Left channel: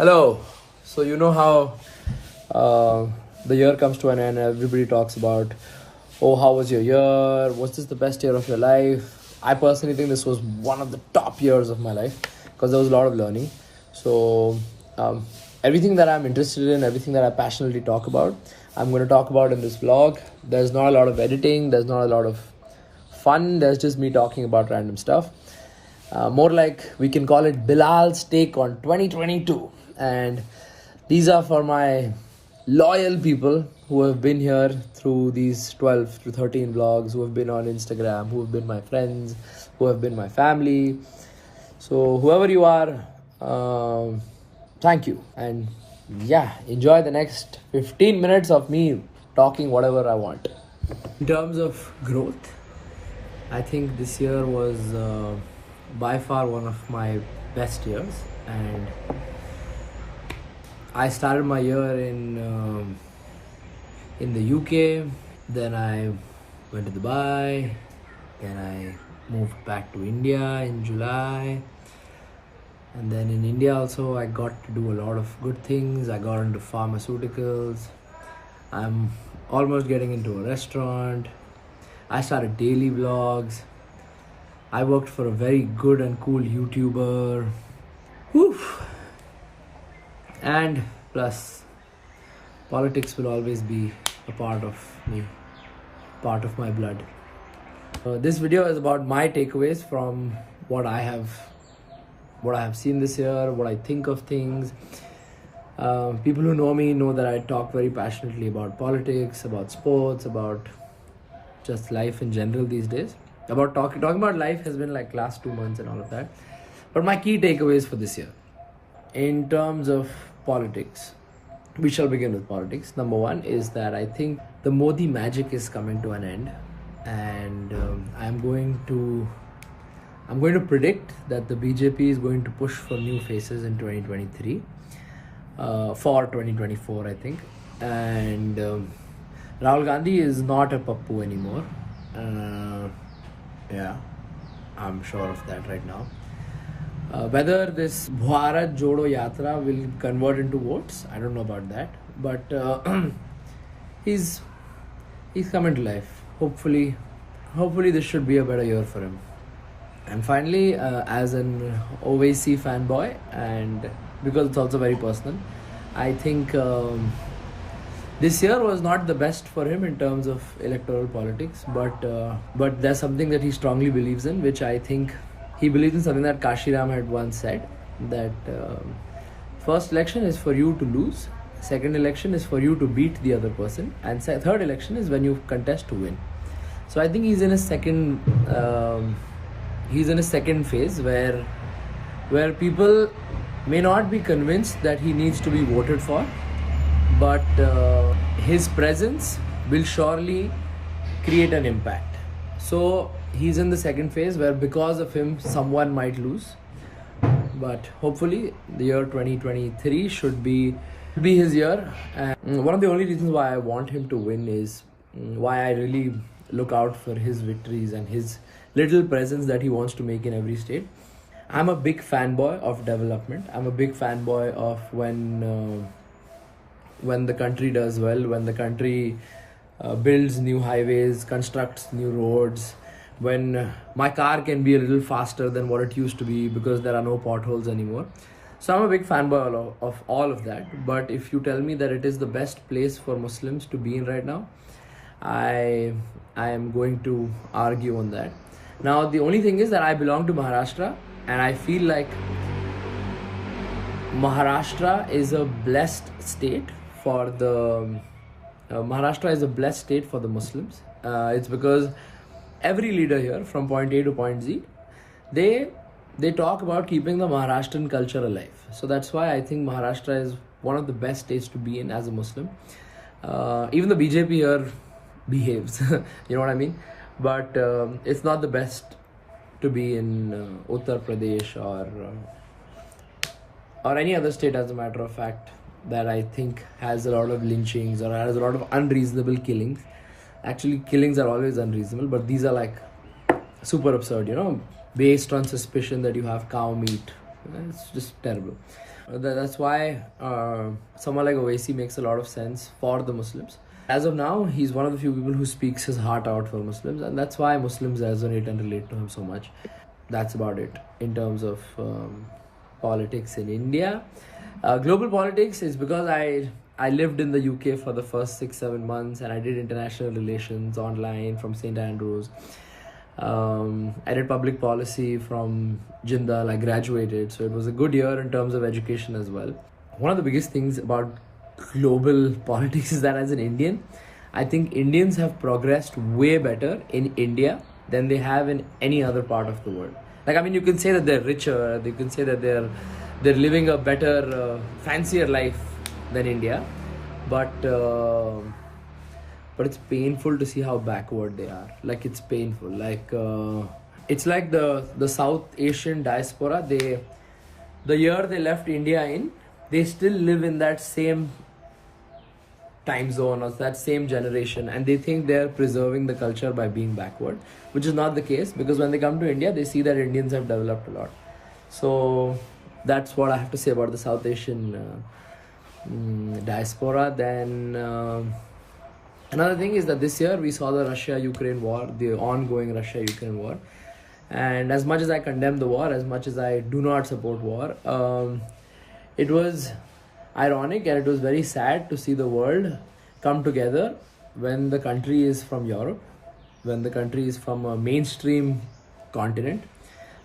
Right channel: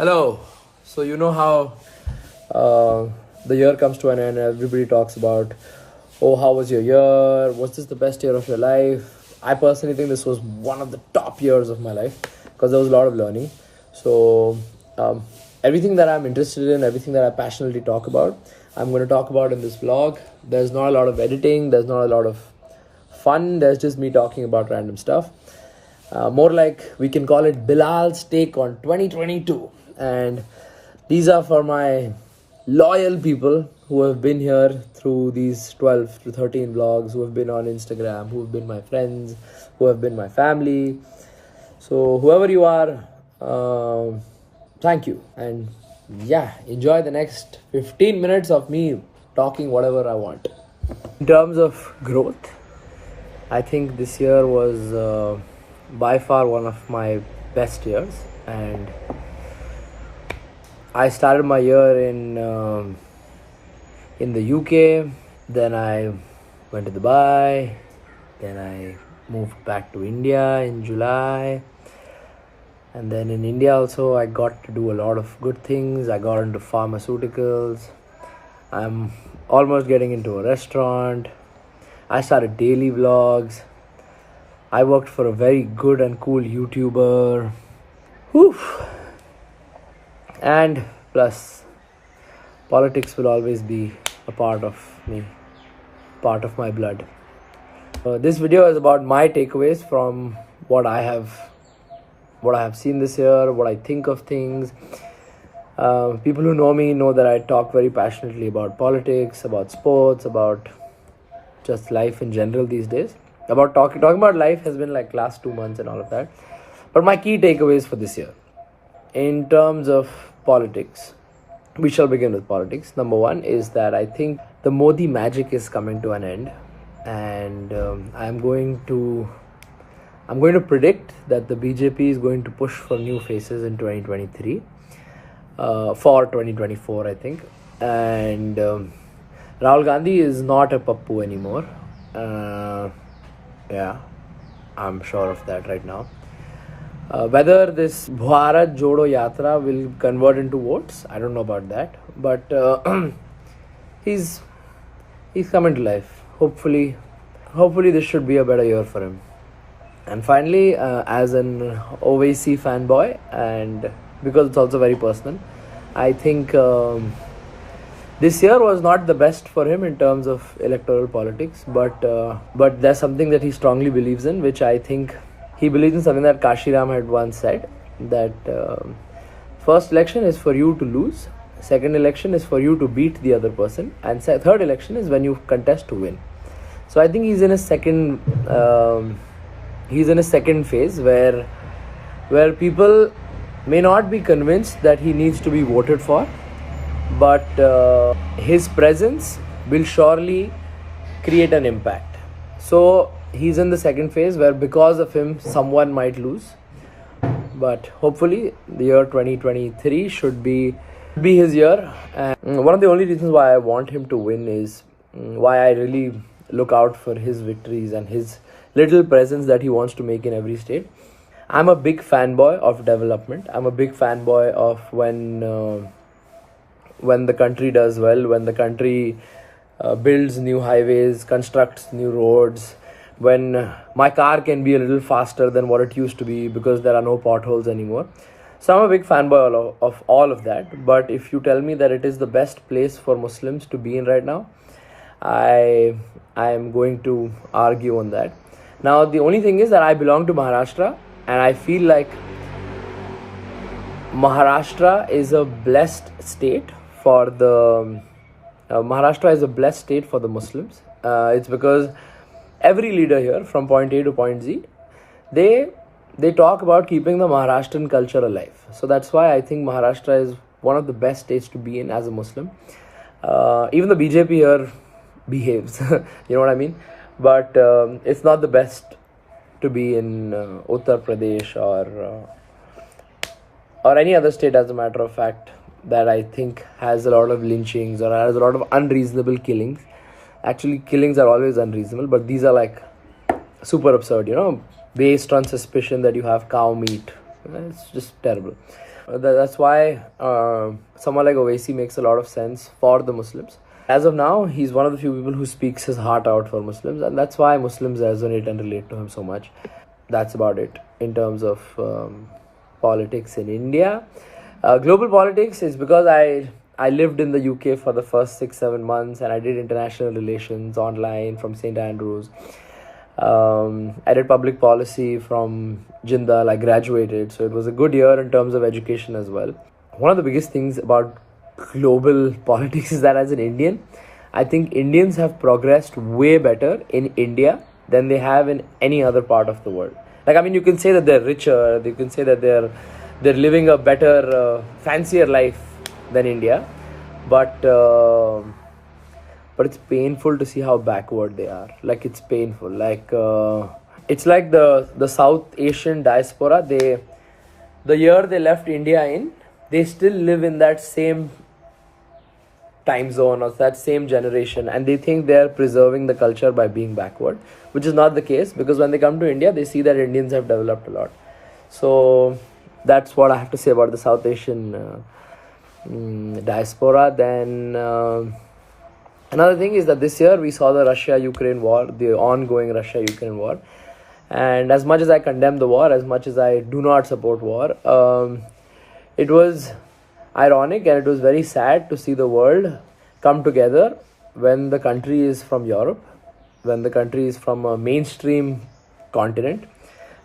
Hello. So you know how the year comes to an end. Everybody talks about, oh, how was your year? Was this the best year of your life? I personally think this was one of the top years of my life because there was a lot of learning. So everything that I'm interested in, everything that I passionately talk about, I'm going to talk about in this vlog. There's not a lot of editing. There's not a lot of fun. There's just me talking about random stuff. More like we can call it Bilal's take on 2022. And these are for my loyal people who have been here through these 12 to 13 vlogs, who have been on Instagram, who have been my friends, who have been my family. So whoever you are, thank you. And yeah, enjoy the next 15 minutes of me talking whatever I want. In terms of growth, I think this year was by far one of my best years, and I started my year in the UK. Then I went to Dubai. Then I moved back to India in July. And then in India also I got to do a lot of good things. I got into pharmaceuticals. I'm almost getting into a restaurant. I started daily vlogs. I worked for a very good and cool YouTuber. Whew. And plus, politics will always be a part of me, part of my blood. This video is about my takeaways from what I have seen this year, what I think of things. People who know me know that I talk very passionately about politics, about sports, about just life in general these days. About talking about life has been like last 2 months and all of that. But my key takeaways for this year, in terms of politics, we shall begin with politics. Number one is that I think the Modi magic is coming to an end, and I'm going to predict that the BJP is going to push for new faces in 2023, for 2024, I think. And Rahul Gandhi is not a pappu anymore. Yeah, I'm sure of that right now. Whether this Bharat Jodo Yatra will convert into votes, I don't know about that. But he's coming to life. Hopefully this should be a better year for him. And finally, as an OVC fanboy, and because it's also very personal, I think this year was not the best for him in terms of electoral politics. But there's something that he strongly believes in, which I think he believes in something that Kashi Ram had once said, that first election is for you to lose, second election is for you to beat the other person, and third election is when you contest to win. So I think he's in a second phase where people may not be convinced that he needs to be voted for, but his presence will surely create an impact. So he's in the second phase where because of him someone might lose, but hopefully the year 2023 should be his year. And one of the only reasons why I want him to win is why I really look out for his victories and his little presence that he wants to make in every state. I'm a big fanboy of development. I'm a big fanboy of when the country does well, when the country builds new highways, constructs new roads, when my car can be a little faster than what it used to be because there are no potholes anymore. So I'm a big fanboy of all of that. But if you tell me that it is the best place for Muslims to be in right now, I am going to argue on that. Now, the only thing is that I belong to Maharashtra, and I feel like Maharashtra is a blessed state for the Muslims. It's because every leader here, from point A to point Z, they talk about keeping the Maharashtrian culture alive. So that's why I think Maharashtra is one of the best states to be in as a Muslim. Even the BJP here behaves, you know what I mean? But it's not the best to be in Uttar Pradesh or any other state, as a matter of fact, that I think has a lot of lynchings or has a lot of unreasonable killings. Actually, killings are always unreasonable, but these are like super absurd, based on suspicion that you have cow meat. It's just terrible. That's why someone like Owaisi makes a lot of sense for the Muslims. As of now, he's one of the few people who speaks his heart out for Muslims, and that's why Muslims resonate and relate to him so much. That's about it in terms of politics in India. Global politics is because I lived in the UK for the first 6-7 months, and I did international relations online from St. Andrews. I did public policy from Jindal. I graduated, so it was a good year in terms of education as well. One of the biggest things about global politics is that as an Indian, I think Indians have progressed way better in India than they have in any other part of the world. Like, I mean, you can say that they're richer, you can say that they're living a better, fancier life than India, but it's painful to see how backward they are. Like, it's painful. Like, it's like the South Asian diaspora. The year they left India in, they still live in that same time zone or that same generation, and they think they're preserving the culture by being backward, which is not the case, because when they come to India, they see that Indians have developed a lot. So that's what I have to say about the South Asian diaspora. Then another thing is that this year we saw the Russia-Ukraine war, the ongoing Russia-Ukraine war. And as much as I condemn the war, as much as I do not support war, it was ironic and it was very sad to see the world come together when the country is from Europe, when the country is from a mainstream continent.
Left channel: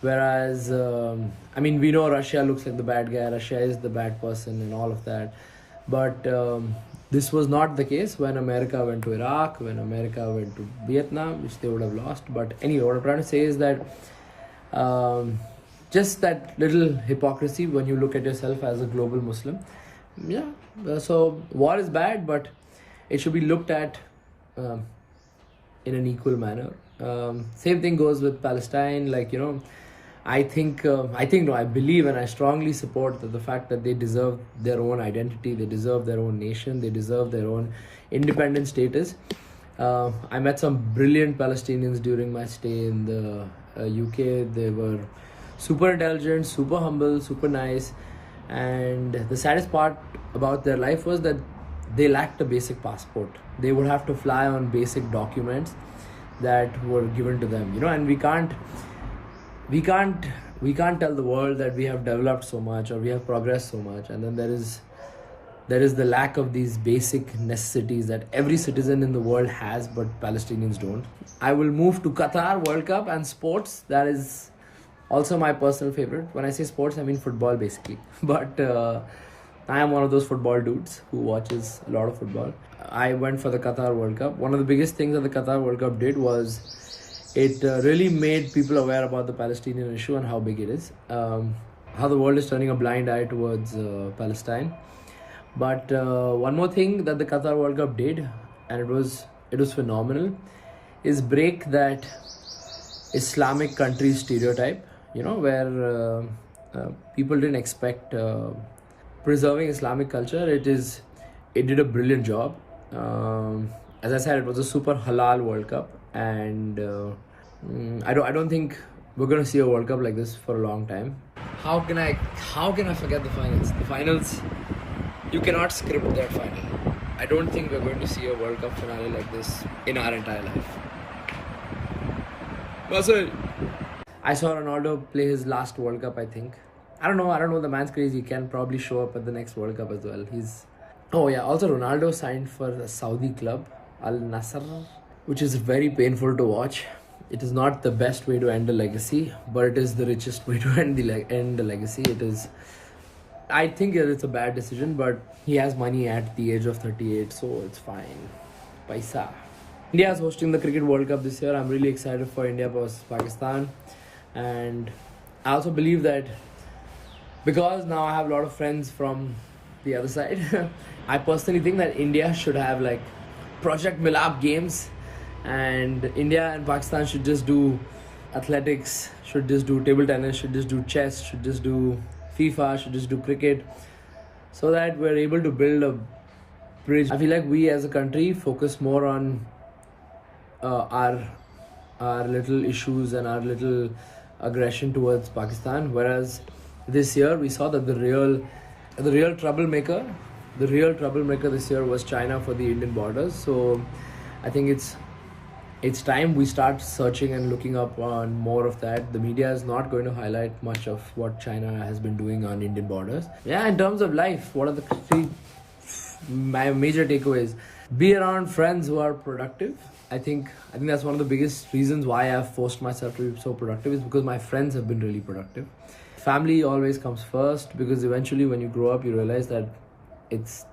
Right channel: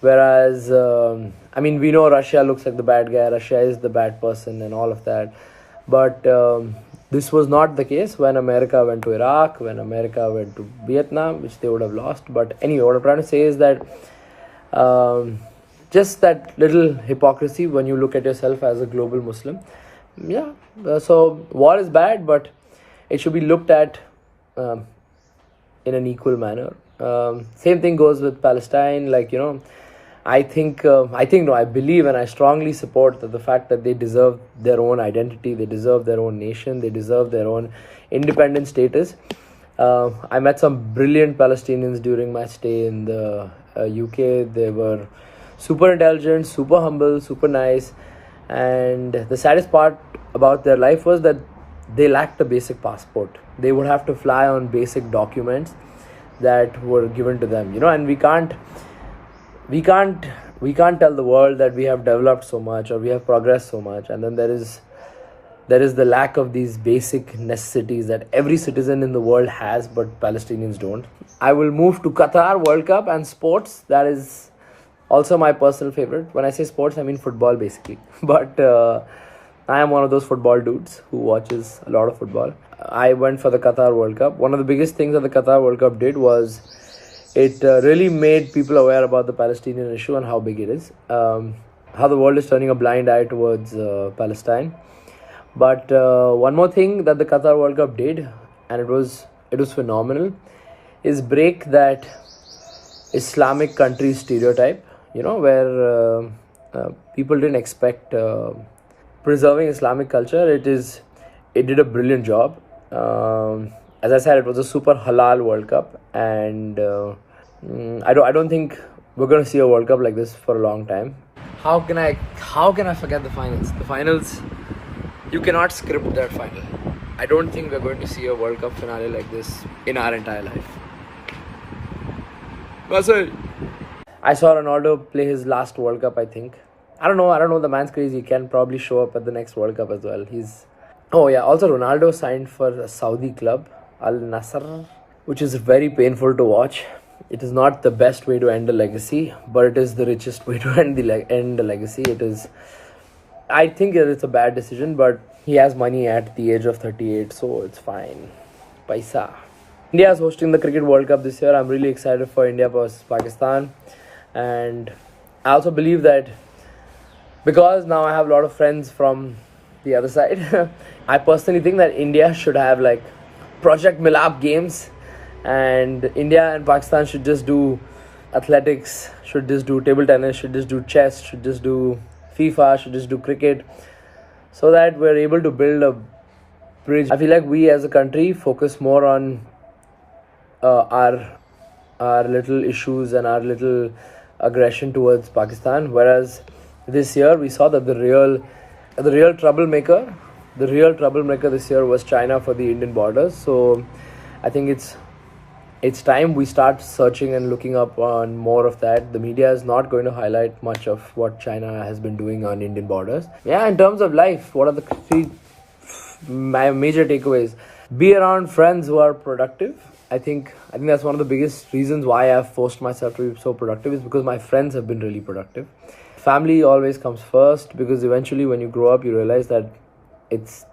Whereas, I mean, we know Russia looks like the bad guy, Russia is the bad person and all of that. But this was not the case when America went to Iraq, when America went to Vietnam, which they would have lost. But anyway, what I'm trying to say is that just that little hypocrisy when you look at yourself as a global Muslim. Yeah, so war is bad, but it should be looked at in an equal manner. Same thing goes with Palestine. Like, you know, I believe and I strongly support that the fact that they deserve their own identity, they deserve their own nation, they deserve their own independent status. I met some brilliant Palestinians during my stay in the UK. They were super intelligent, super humble, super nice. And the saddest part about their life was that they lacked a basic passport. They would have to fly on basic documents that were given to them, you know, and we can't tell the world that we have developed so much or we have progressed so much, and then there is the lack of these basic necessities that every citizen in the world has, but Palestinians don't. I will move to Qatar World Cup and sports. That is also my personal favorite. When I say sports, I mean football basically. But I am one of those football dudes who watches a lot of football. I went for the Qatar World Cup. One of the biggest things that the Qatar World Cup did was it really made people aware about the Palestinian issue and how big it is. How the world is turning a blind eye towards Palestine. But one more thing that the Qatar World Cup did, and it was phenomenal, is break that Islamic country stereotype, you know, where people didn't expect preserving Islamic culture. It did a brilliant job. As I said, it was a super halal World Cup, and I don't think we're going to see a World Cup like this for a long time. How can I forget the finals? The finals, you cannot script that final. I don't think we're going to see a World Cup finale like this in our entire life. Marcel. I saw Ronaldo play his last World Cup, I think. I don't know. The man's crazy. He can probably show up at the next World Cup as well. Oh yeah, also Ronaldo signed for a Saudi club, Al Nassr, which is very painful to watch. It is not the best way to end a legacy, but it is the richest way to end the legacy. I think it's a bad decision, but he has money at the age of 38, so it's fine. Paisa. India is hosting the Cricket World Cup this year. I'm really excited for India versus Pakistan. And I also believe that because now I have a lot of friends from the other side, I personally think that India should have like Project Milap games, and India and Pakistan should just do athletics, should just do table tennis, should just do chess, should just do FIFA, should just do cricket, so that we're able to build a bridge. I feel like we as a country focus more on our little issues and our little aggression towards Pakistan, whereas this year we saw that the real The real troublemaker this year was China for the Indian borders. So I think it's time we start searching and looking up on more of that. The media is not going to highlight much of what China has been doing on Indian borders. Yeah, in terms of life, what are the my major takeaways? Be around friends who are productive. I think that's one of the biggest reasons why I've forced myself to be so productive, is because my friends have been really productive. Family always comes first, because eventually when you grow up you realize that it's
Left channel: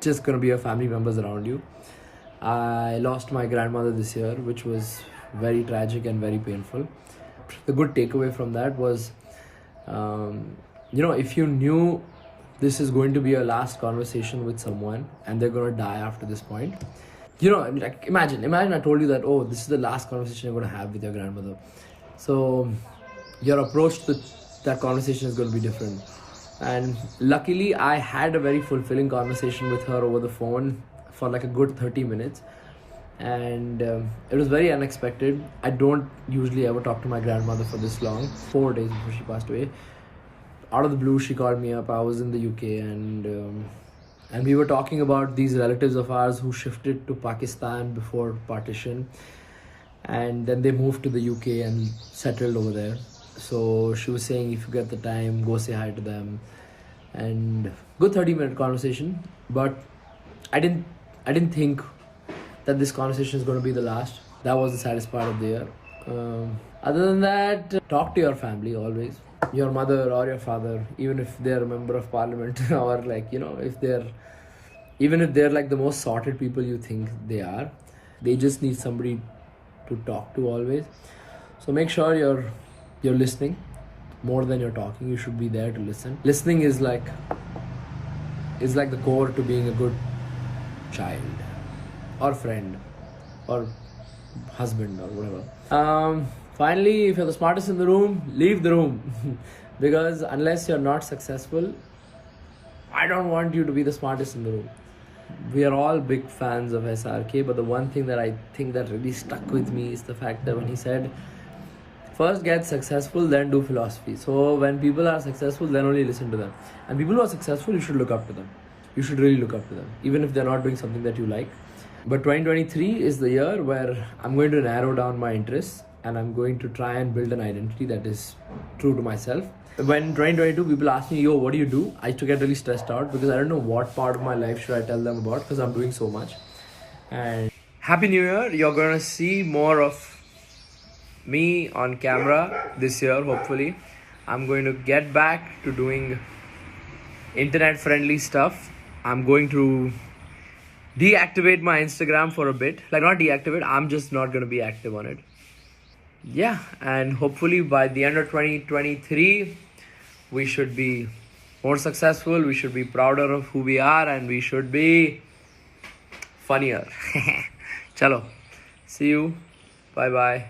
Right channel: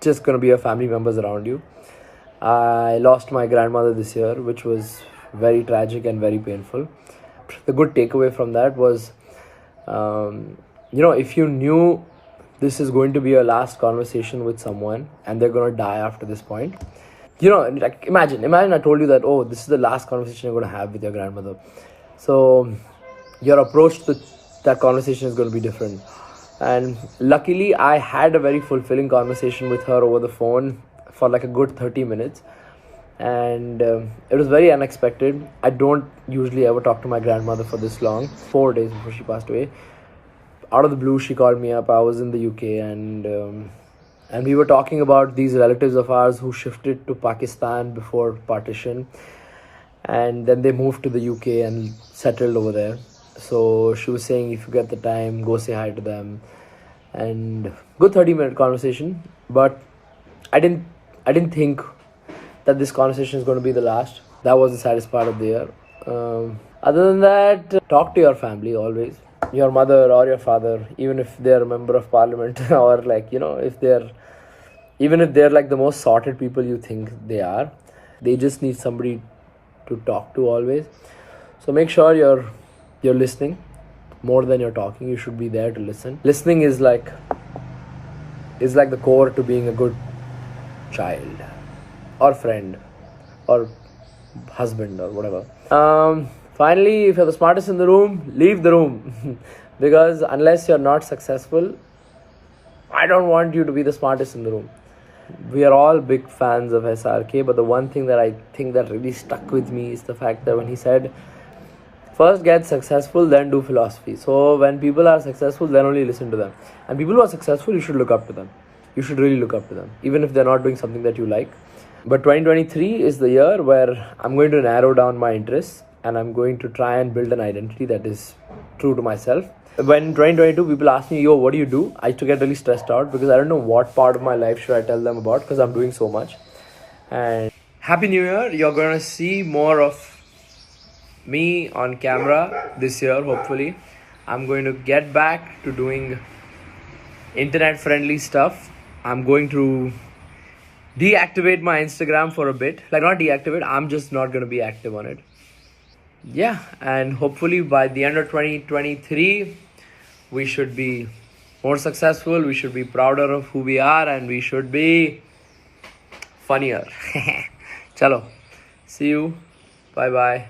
just going to be your family members around you. I lost my grandmother this year, which was very tragic and very painful. The good takeaway from that was, if you knew this is going to be your last conversation with someone and they're going to die after this point, like imagine I told you that, oh, this is the last conversation you're going to have with your grandmother. So your approach to that conversation is going to be different. And luckily I had a very fulfilling conversation with her over the phone for like a good 30 minutes, and it was very unexpected. I don't usually ever talk to my grandmother for this long. 4 days before she passed away, out of the blue, she called me up. I was in the UK, and we were talking about these relatives of ours who shifted to Pakistan before partition, and then they moved to the UK and settled over there. So she was saying, if you get the time, go say hi to them. And good 30-minute conversation, but I didn't think that this conversation is going to be the last. That was the saddest part of the year. Other than that, talk to your family always. Your mother or your father, even if they're a member of parliament or even if they're like the most sorted people you think they are, they just need somebody to talk to always. So make sure you're listening more than you're talking. You should be there to listen. Listening is like the core to being a good child or friend or husband or whatever. Finally, if you're the smartest in the room, leave the room. Because unless you're not successful, I don't want you to be the smartest in the room. We are all big fans of SRK, but the one thing that I think that really stuck with me is the fact that when he said, first get successful, then do philosophy. So when people are successful, then only listen to them. And people who are successful, you should look up to them. You should really look up to them, even if they're not doing something that you like. But 2023 is the year where I'm going to narrow down my interests, and I'm going to try and build an identity that is true to myself. When 2022 people ask me, yo, what do you do? I used to get really stressed out because I don't know what part of my life should I tell them about, because I'm doing so much. And Happy New Year. You're going to see more of me on camera this year, hopefully. I'm going to get back to doing internet friendly stuff. I'm going to deactivate my Instagram for a bit. Like, not deactivate, I'm just not going to be active on it. Yeah, and hopefully by the end of 2023, we should be more successful, we should be prouder of who we are, and we should be funnier. Chalo, see you. Bye bye.